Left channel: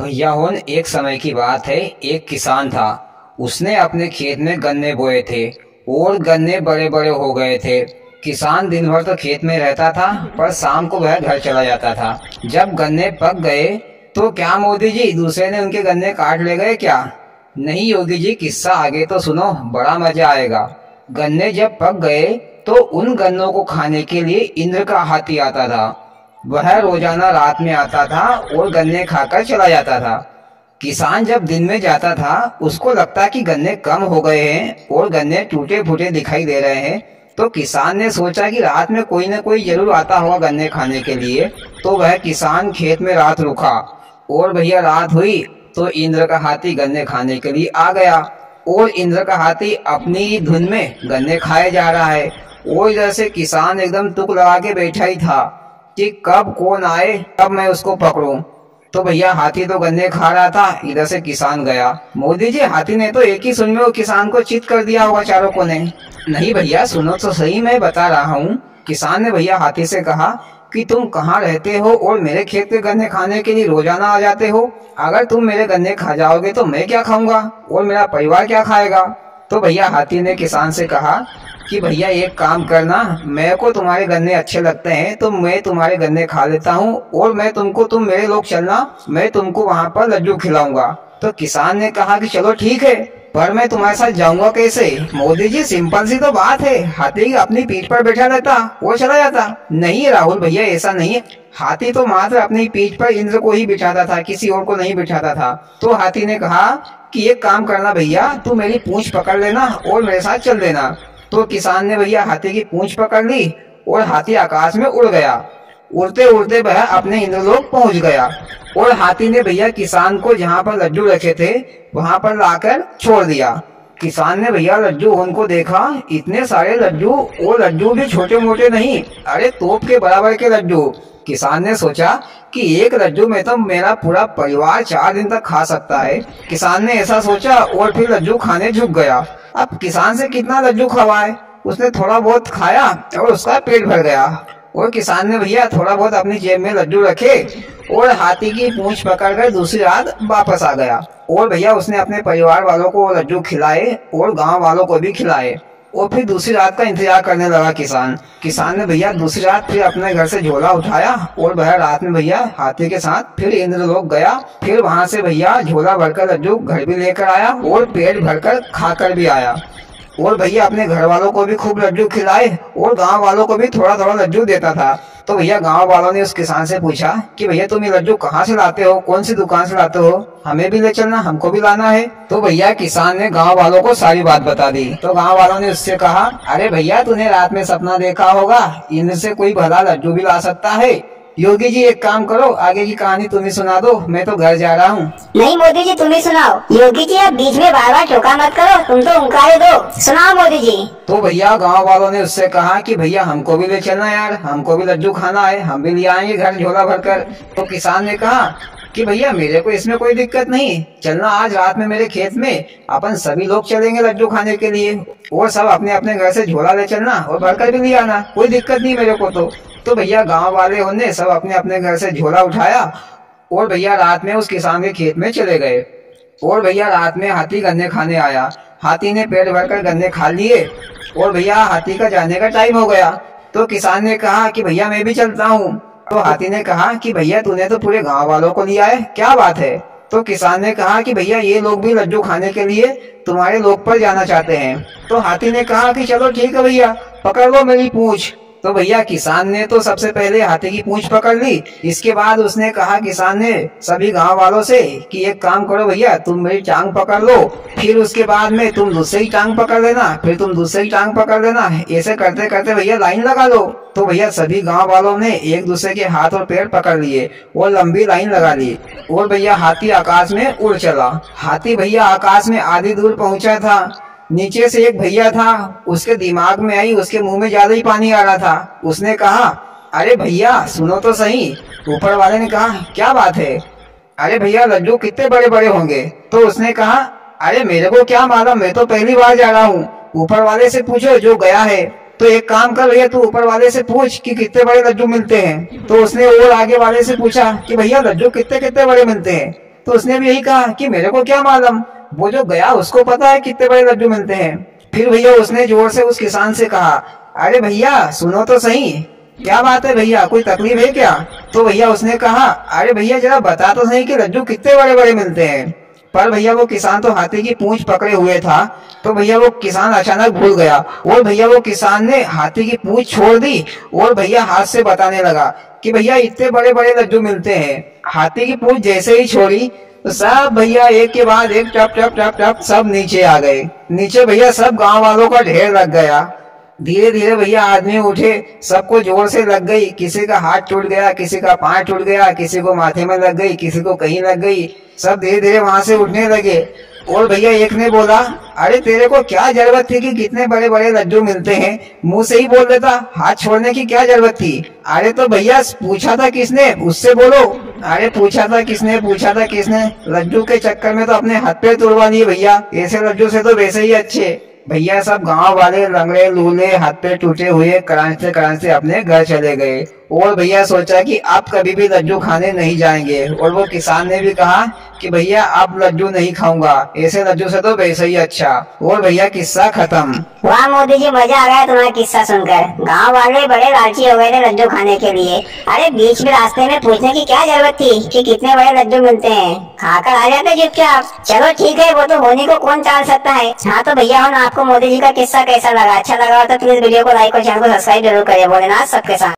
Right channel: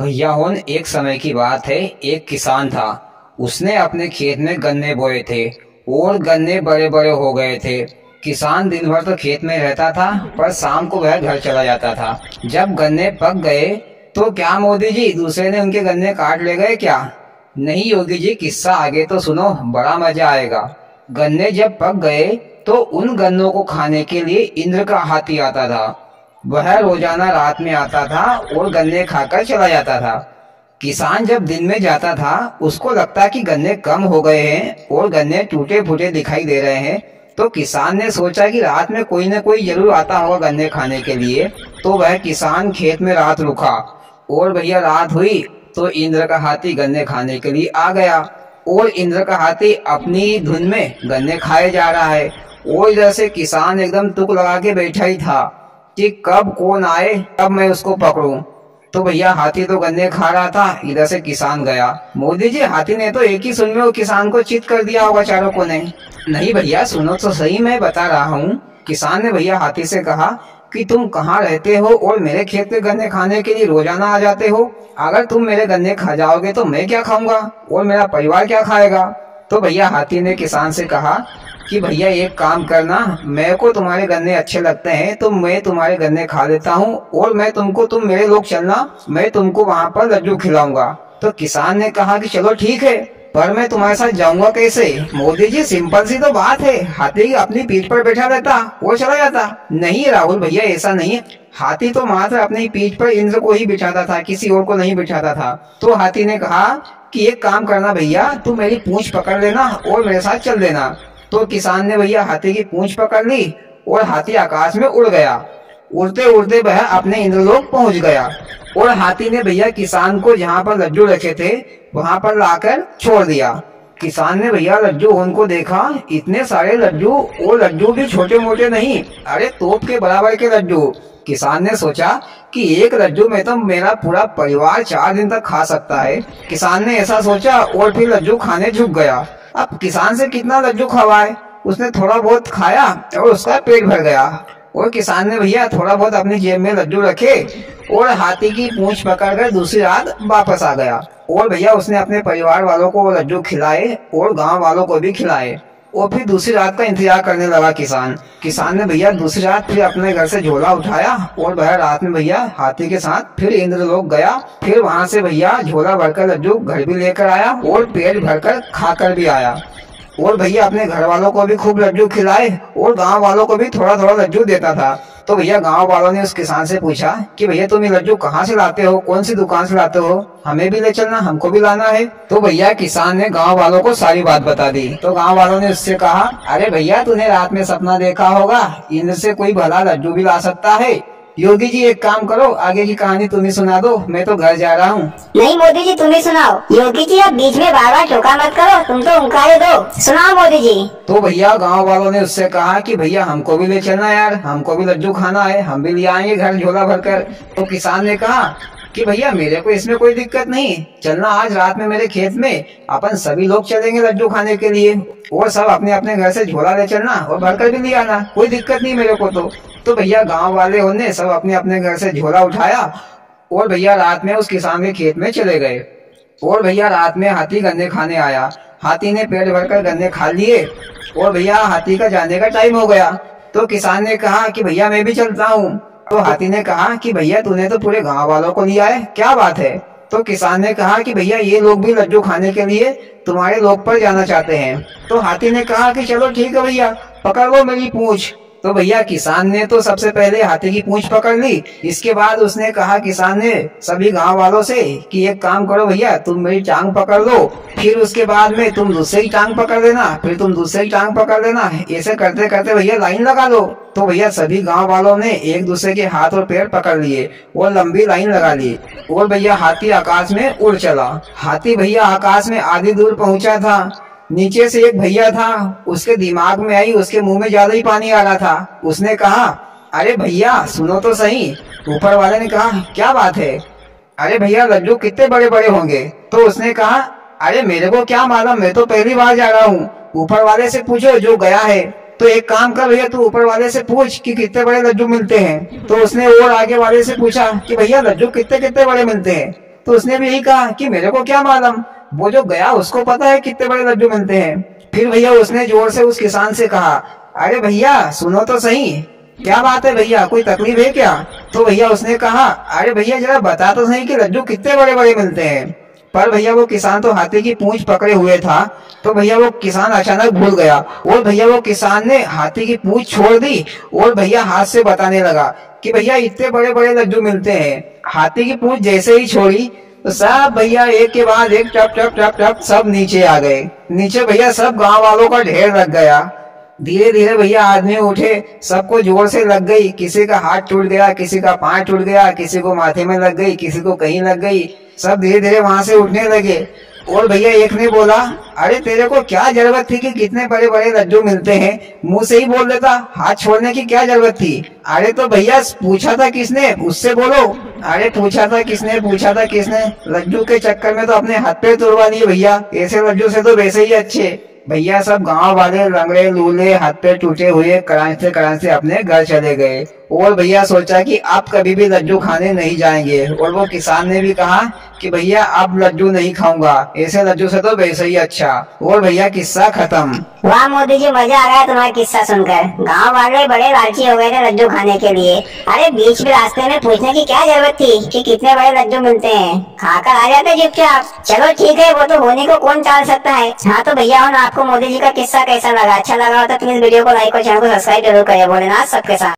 भैया होन एक समय की बात है। एक किसान था। उसने अपने खेत में गन्ने बोए थे और गन्ने बड़े बड़े हो गए थे। किसान दिन भर तो खेत में रहता था, पर शाम को वह घर चला जाता था। जब गन्ने पक गए तो क्या मोदी जी दूसरे ने उनके गन्ने काट ले गए क्या? नहीं योगी जी, किस्सा आगे तो सुनो, बड़ा मजा आएगा। गन्ने जब पक गए तो उन गन्नों को खाने के लिए इंद्र का हाथी आता था। वह रोजाना रात में आता था और गन्ने खाकर चला जाता था। किसान जब दिन में जाता था, उसको लगता कि गन्ने कम हो गए हैं और गन्ने टूटे फूटे दिखाई दे रहे हैं। तो किसान ने सोचा कि रात में कोई न कोई जरूर आता होगा गन्ने खाने के लिए। तो वह किसान खेत में रात रुका और भैया रात हुई तो इंद्र का हाथी गन्ने खाने के लिए आ गया। और इंद्र का हाथी अपनी धुन में गन्ने खाए जा रहा है और इधर से किसान एकदम तुक लगा के बैठा ही था कि कब कौन आए, कब मैं उसको पकड़ूं। तो भैया हाथी तो गन्ने खा रहा था, इधर से किसान गया। मोदी जी, हाथी ने तो एक ही सुन में वो किसान को चित कर दिया होगा चारों कोने। नहीं भैया, सुनो तो सही, मैं बता रहा हूँ। किसान ने भैया हाथी से कहा कि तुम कहाँ रहते हो और मेरे खेत के गन्ने खाने के लिए रोजाना आ जाते हो? अगर तुम मेरे गन्ने खा जाओगे तो मैं क्या खाऊंगा और मेरा परिवार क्या खाएगा? तो भैया हाथी ने किसान से कहा कि भैया एक काम करना, मेरे को तुम्हारे गन्ने अच्छे लगते हैं तो मैं तुम्हारे गन्ने खा लेता हूँ और मैं तुमको, तुम मेरे लोग चलना, मैं तुमको वहाँ पर लड्डू खिलाऊंगा। तो किसान ने कहा कि चलो ठीक है, पर मैं तुम्हारे साथ जाऊंगा कैसे? मोदी जी, सिंपल सी तो बात है, हाथी अपनी पीठ पर बैठा रहता वो चला जाता। नहीं राहुल भैया, ऐसा नहीं है। हाथी तो मात्र अपनी पीठ पर इंद्र को ही बिठाता था, किसी और को नहीं बिठाता था। तो हाथी ने कहा कि एक काम करना भैया, तू मेरी पूंछ पकड़ लेना और मेरे साथ चल देना। तो किसान ने भैया हाथी की पूंछ पकड़ ली और हाथी आकाश में उड़ गया। उड़ते उड़ते वह अपने इंद्रलोक पहुंच गया और हाथी ने भैया किसान को जहाँ पर लड्डू रखे थे वहां पर लाकर छोड़ दिया। किसान ने भैया लड्डू उनको देखा, इतने सारे लड्डू, और लड्डू भी छोटे मोटे नहीं, अरे तोप के बराबर के लड्डू। किसान ने सोचा कि एक लड्डू में तो मेरा पूरा परिवार 4 दिन तक खा सकता है। किसान ने ऐसा सोचा और फिर लड्डू खाने झुक गया। अब किसान से कितना लड्डू खवाए, उसने थोड़ा बहुत खाया और उसका पेट भर गया। और किसान ने भैया थोड़ा बहुत अपनी जेब में लड्डू रखे और हाथी की पूंछ पकड़कर दूसरी रात वापस आ गया। और भैया उसने अपने परिवार वालों को वो लड्डू खिलाए और गांव वालों को भी खिलाए। और फिर दूसरी रात का इंतजार करने लगा किसान ने भैया दूसरी रात फिर अपने घर से झोला उठाया और वह रात में भैया हाथी के साथ फिर इंद्रलोक गया। फिर वहां से भैया झोला भरकर लड्डू घर भी लेकर आया और पेट भरकर खाकर भी आया। और भैया अपने घर वालों को भी खूब लड्डू खिलाए और गांव वालों को भी थोड़ा थोड़ा लड्डू देता था। तो भैया गांव वालों ने उस किसान से पूछा कि भैया तुम ये लड्डू कहाँ से लाते हो, कौन सी दुकान से लाते हो, हमें भी ले चलना, हमको भी लाना है। तो भैया किसान ने गांव वालों को सारी बात बता दी। तो गांव वालों ने उससे कहा, अरे भैया तूने रात में सपना देखा होगा, इंद्र से कोई भला लड्डू भी ला सकता है। योगी जी एक काम करो, आगे की कहानी तुम ही सुना दो, मैं तो घर जा रहा हूँ। नहीं मोदी जी, तुम ही सुनाओ। योगी जी आप बीच में बार बार टोका मत करो, तुम तो उंकारे दो, सुनाओ मोदी जी। तो भैया गांव वालों ने उससे कहा कि भैया हमको भी ले चलना यार, हमको भी लड्डू खाना है, हम भी ले आएंगे घर झोला भरकर। तो किसान ने कहा कि भैया मेरे को इसमें कोई दिक्कत नहीं, चलना आज रात में मेरे खेत में, अपन सभी लोग चलेंगे लड्डू खाने के लिए और सब अपने अपने घर से झोला ले चलना और भरकर भी ले आना, कोई दिक्कत नहीं मेरे को। तो भैया गांव वाले उन्होंने सब अपने अपने घर से झोला उठाया और भैया रात में उस किसान के खेत में चले गए। और भैया रात में हाथी गन्ने खाने आया। हाथी ने पेट भरकर गन्ने खा लिए और भैया हाथी का जाने का टाइम हो गया। तो किसान ने कहा कि भैया मैं भी चलता हूँ। तो हाथी ने कहा कि भैया तूने तो पूरे गांव वालों को लिया है, क्या बात है? तो किसान ने कहा कि भैया ये लोग भी लड्डू खाने के लिए तुम्हारे लोक पर जाना चाहते हैं। तो हाथी ने कहा कि चलो ठीक है भैया, पकड़ लो मेरी पूंछ। तो भैया किसान ने तो सबसे पहले हाथी की पूंछ पकड़ ली। इसके बाद उसने कहा किसान ने सभी गांव वालों से कि एक काम करो भैया, तुम मेरी टांग पकड़ लो, फिर उसके बाद में तुम दूसरी टांग पकड़ लेना, फिर तुम दूसरी टांग पकड़ लेना, ऐसे करते करते भैया लाइन लगा लो। तो भैया सभी गांव वालों ने एक दूसरे के हाथ और पैर पकड़ लिए और लंबी लाइन लगा ली और भैया हाथी आकाश में उड़ चला। हाथी भैया आकाश में आधी दूर पहुंचा था। नीचे से एक भैया था, उसके दिमाग में आई, उसके मुंह में ज्यादा ही पानी आ रहा था। उसने कहा, अरे भैया सुनो तो सही। ऊपर वाले ने कहा, क्या बात है? अरे भैया लड्डू कितने बड़े बड़े होंगे? तो उसने कहा, अरे मेरे को क्या मालूम, मैं तो पहली बार जा रहा हूँ, ऊपर वाले से पूछो जो गया है। तो एक काम कर भैया, तू ऊपर वाले से पूछ कि कितने बड़े लड्डू मिलते हैं। तो उसने और आगे वाले से पूछा कि भैया लड्डू कितने कितने बड़े मिलते हैं। तो उसने भी यही कहा कि मेरे को क्या मालूम, वो जो गया उसको पता है कितने बड़े लड्डू मिलते हैं। फिर भैया उसने जोर से उस किसान से कहा, अरे भैया सुनो तो सही, क्या बात है भैया, कोई तकलीफ है क्या? तो भैया उसने कहा, अरे भैया जरा बता तो सही कि लड्डू कितने बड़े बड़े मिलते हैं। पर भैया वो किसान तो हाथी की पूंछ पकड़े हुए था, तो भैया वो किसान अचानक भूल गया और भैया वो किसान ने हाथी की पूंछ छोड़ दी और भैया हाथ से बताने लगा कि भैया इतने बड़े बड़े लड्डू मिलते हैं। हाथी की पूंछ जैसे ही छोड़ी तो सब भैया एक के बाद एक टप टप टप टप सब नीचे आ गए। नीचे भैया सब गांव वालों का ढेर लग गया। धीरे धीरे भैया आदमी उठे, सबको जोर से लग गई, किसी का हाथ टूट गया, किसी का पांव टूट गया, किसी को माथे में लग गई, किसी को कहीं लग गई। सब धीरे धीरे वहां से उठने लगे और भैया एक ने बोला, अरे तेरे को क्या जरूरत थी कि कितने बड़े बड़े लड्डू मिलते हैं, मुंह से ही बोल देता, हाथ छोड़ने की क्या जरूरत थी? अरे तो भैया पूछा था किसने, उससे बोलो। अरे पूछा था किसने, लड्डू के चक्कर में तो अपने हाथ पे तोड़वा लिए भैया, ऐसे लड्डू से तो वैसे ही अच्छे। भैया सब गांव वाले लंगड़े लूले हाथ पे टूटे हुए करांचते अपने घर चले गए और भैया सोचा कि अब कभी भी लड्डू खाने नहीं जाएंगे। और वो किसान ने भी कहा कि भैया अब लड्डू नहीं खाऊंगा, ऐसे लड्डू से तो वैसे ही अच्छा। और भैया किस्सा खत्म। वाह मोदी जी, मजा आ गया तुम्हारा किस्सा सुनकर। गांव वाले बड़े लालची हो गए थे लड्डू खाने के लिए। अरे बीच में रास्ते में पूछने की क्या जरूरत थी कि कितने बड़े लड्डू मिलते हैं, खाकर आ जाते चुपचाप। चलो ठीक है, वो तो होने को कौन टाल सकता है। हाँ तो भैया आपको मोदी जी का किस्सा कैसा लगा? अच्छा लगा तो प्लीज वीडियो को लाइक और चैनल को सब्सक्राइब जरूर करें। भोलेनाथ सबके साथ।